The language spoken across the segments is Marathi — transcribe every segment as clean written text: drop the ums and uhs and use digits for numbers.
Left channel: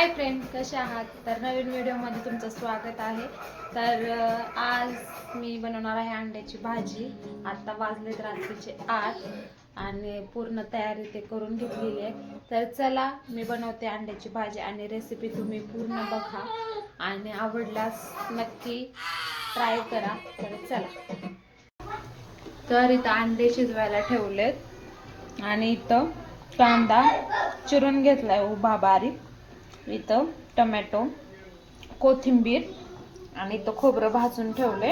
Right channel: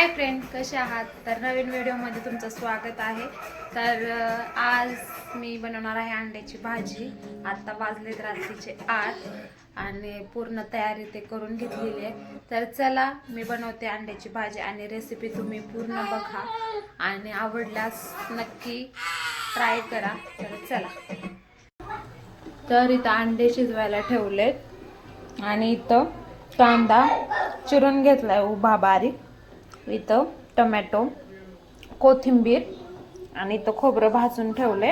हाय फ्रेंड, कसे आहात? तर नवीन व्हिडिओमध्ये तुमचं स्वागत आहे. तर आज मी बनवणार आहे अंड्याची भाजी. आता वाजलेत रात्रीचे 8 आणि पूर्ण तयारी ते करून घेतलेली आहे. तर चला मी बनवते अंड्याची भाजी आणि रेसिपी तुम्ही पूर्ण बघा आणि आवडल्यास नक्की ट्राय करा. तर चला. तर इथं अंडे शिजवायला ठेवलेत आणि इथं कांदा चिरून घेतलाय उभा बारीक, इथं टोमॅटो, कोथिंबीर आणि इथं खोबरं भाजून ठेवले.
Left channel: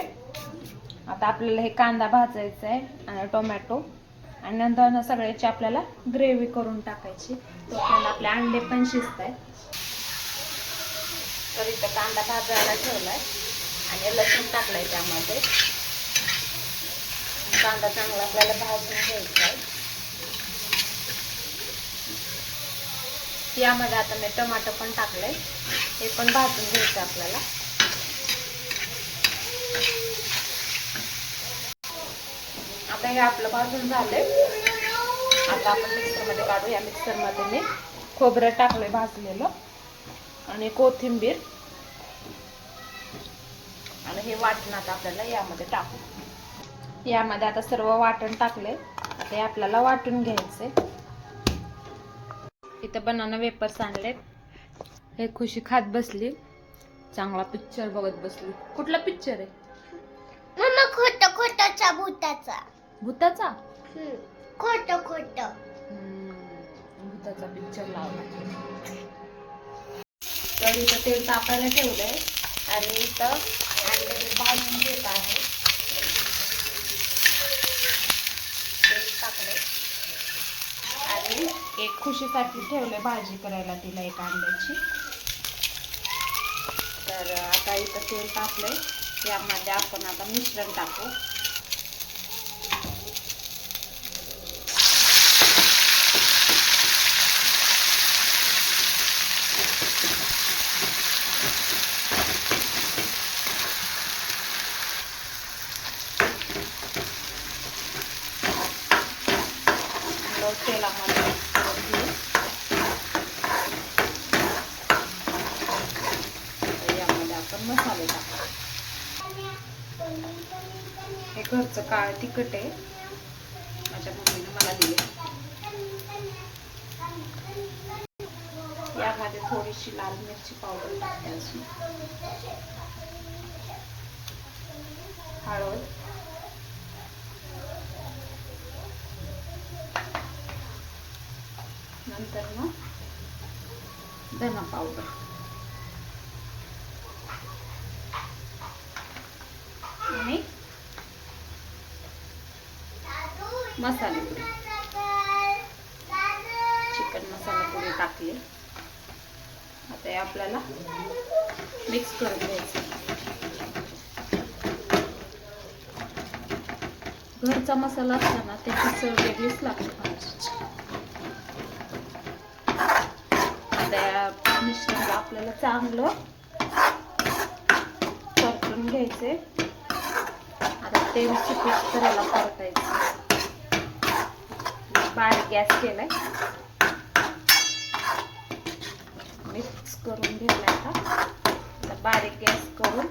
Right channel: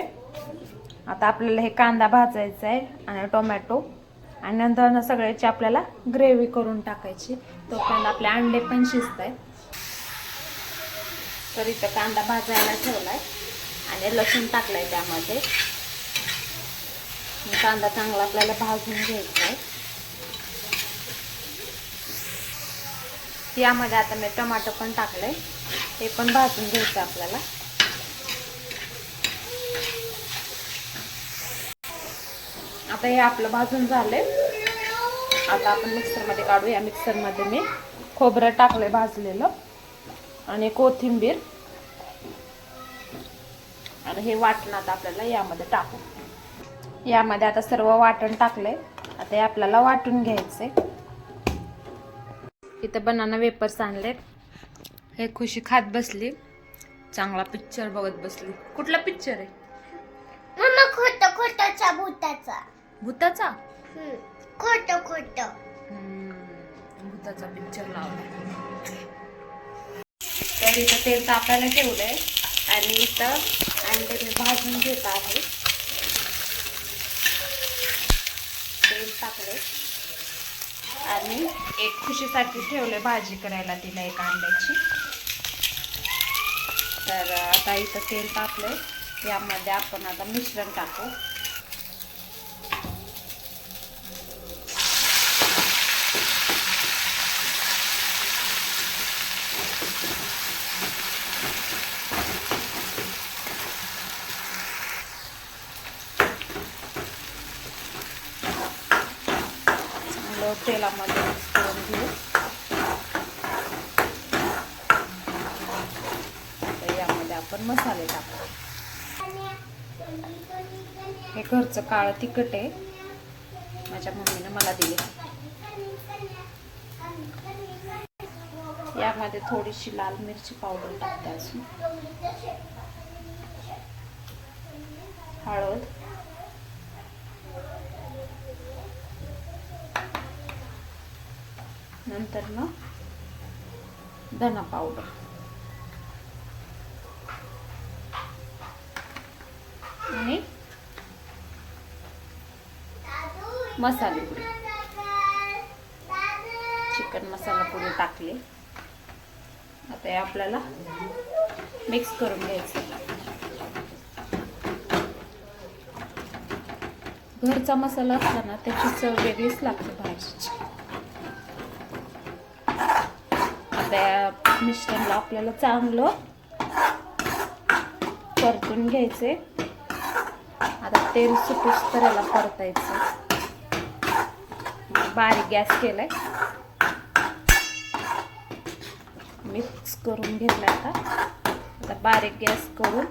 आता आपल्याला हे कांदा भाजायचा आहे आणि टोमॅटो आणि नंतर ना सगळ्याची आपल्याला ग्रेव्ही करून टाकायची. तोपर्यंत आपले अंडे पण शिजत आहेत. तर इथं कांदा भाजायला ठेवलाय आणि लसूण टाकलाय त्यामध्ये. कांदा चांगला आपल्याला भाजून घ्यायचा आहे. यामध्ये आता मी टोमॅटो पण टाकले, हे पण भाजून घ्यायचं आपल्याला. आता हे आपलं भाजून झाले. आता आपण मिक्सरमध्ये काढू. या मिक्सरमध्ये मी खोबरं टाकले भाजलेलं आणि कोथिंबीर आणि हे वाटण आता आपल्याला यामध्ये टाकू. यामध्ये आता सर्व वाटण टाकले. आता हे आपल्याला वाटून घ्यायचे. इथं बनाना वेपर्स आणलेत. हे खुशी खात बसली, चांगला पिक्चर बघत बसली. कुठला पिक्चर आहे मम्मा? खोटाचा भूताचा. भूताचा? खोट भूताचा पिक्चर लावला. तर इथं तेल तापायला ठेवलंय आणि इथं अंडे मी भाजून घेत आहे. तेल टाकले आणि एक खुशीसाठी ठेवले भाजी करायला, तिला एक अंड्याची. तर आता इथं तेल तापले. यामध्ये आपण आता मिश्रण टाकू. तेलामध्ये करून घेऊ. यामध्ये आपण मसाले टाकू. हे घरचं काळं तिखट आहे, माझ्या मम्मीने मला दिले. यामध्ये थोडीशी लाल मिरची पावडर टाकते, अजून हळद, नंतर मग धना पावडर आणि मसाले पुडी, चिकन मसाला पुडी टाकली. आता हे आपल्याला मिक्स करून घ्यायचं. घरचा मसाला असताना त्याची चव वेगळीच लागते भाजीची. आता मिश्रणला आपल्याला चांगलं परतून घ्यायचे. आता तेल सुटूस करायला परतायचं. बारीक गॅस केलाय, मिक्स करून घेतलाय. आता बारीक गॅस करून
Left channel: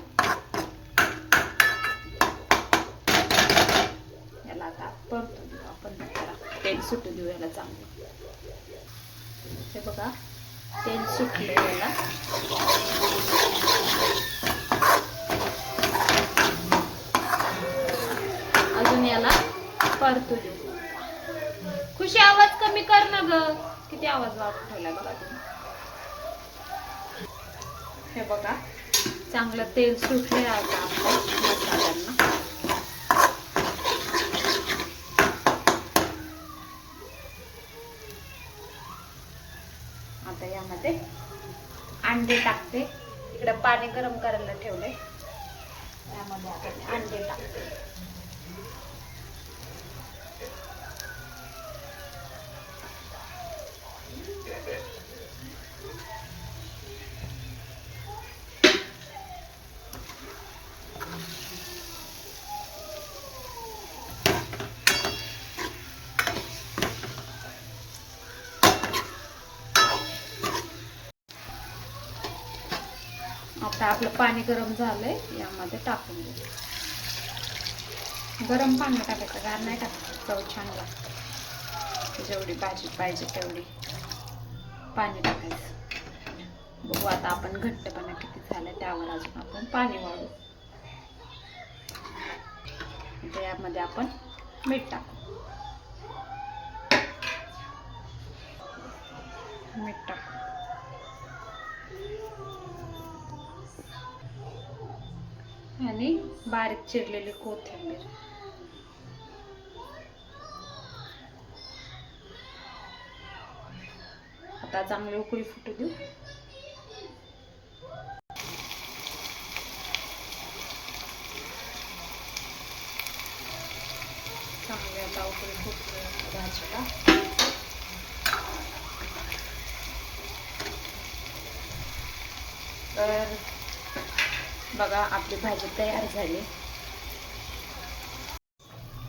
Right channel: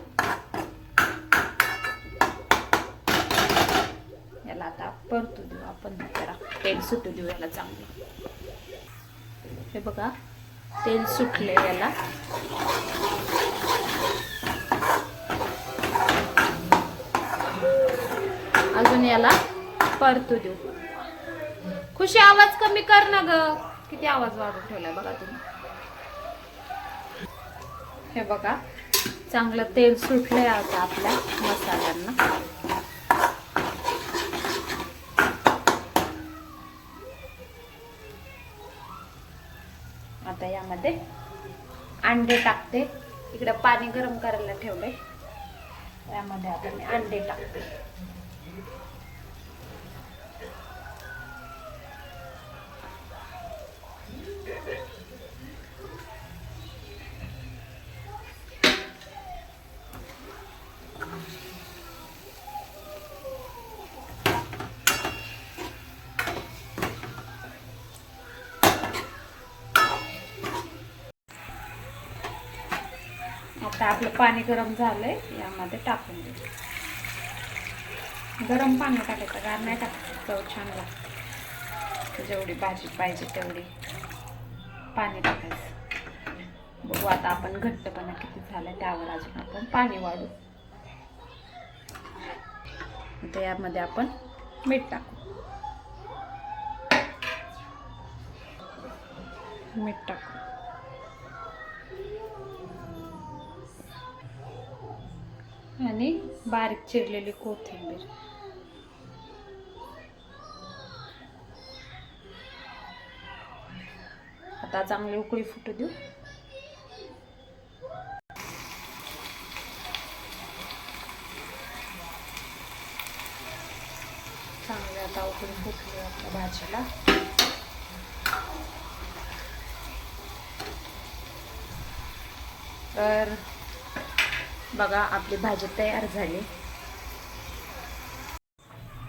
याला आता परतू देऊ आपण. जरा तेल सुटू देऊ याला चांगलं. हे बघा, तेल सुटले याला. अजून याला परतू देऊ. खुशी आवाज कमी कर ना ग. किती आवाज वाढवून ठेवलाय बघा तुम्ही. हे बघा, चांगलं तेल सुटलंय आता आपल्या मसाल्यांना. आता यामध्ये अंडे टाकते. इकडे पाणी गरम करायला ठेवले, यामध्ये आता मी अंडे टाकते. आता आपलं पाणी गरम झालंय, यामध्ये टाकून देऊ. गरम पाणी टाकायचं, गार नाही टाकायचं, चव छान लागते. जेवढी भाजी पाहिजे तेवढी पाणी टाकायचं. बघू आता आपण घट्टपणा किती झाला त्यावर अजून आपण पाणी वाढू. आता यामध्ये आपण मीठ टाकू. मीठ टाकू आणि बारीक चिरलेली कोथिंबीर. आता चांगली उकळी फुटू देऊ. चांगली आता उकळी फुटली आपल्या भाजीला. तर बघा आपली भाजी तयार झाली.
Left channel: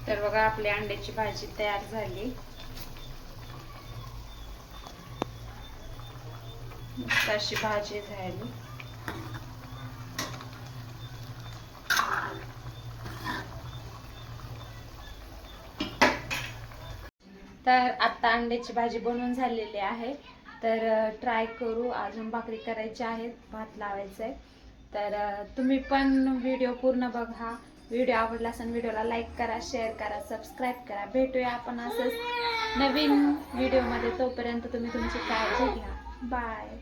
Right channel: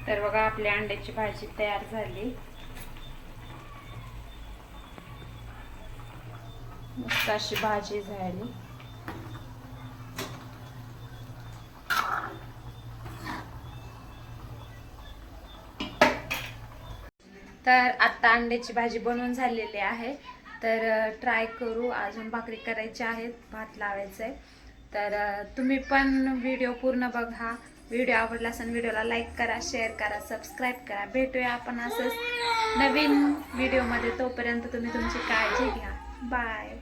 तर बघा आपली अंड्याची भाजी तयार झाली. मस्त अशी भाजी झाली. तर आता अंड्याची भाजी बनवून झालेली आहे. तर ट्राय करू. अजून भाकरी करायची आहेत, भात लावायचं आहे. तर तुम्ही पण व्हिडिओ पूर्ण बघा. व्हिडिओ आवडला असेल व्हिडिओला लाईक करा, शेअर करा, सबस्क्राईब करा. भेटूया आपण असंच नवीन व्हिडिओमध्ये. तोपर्यंत तुम्ही तुमची काळजी घ्या. बाय.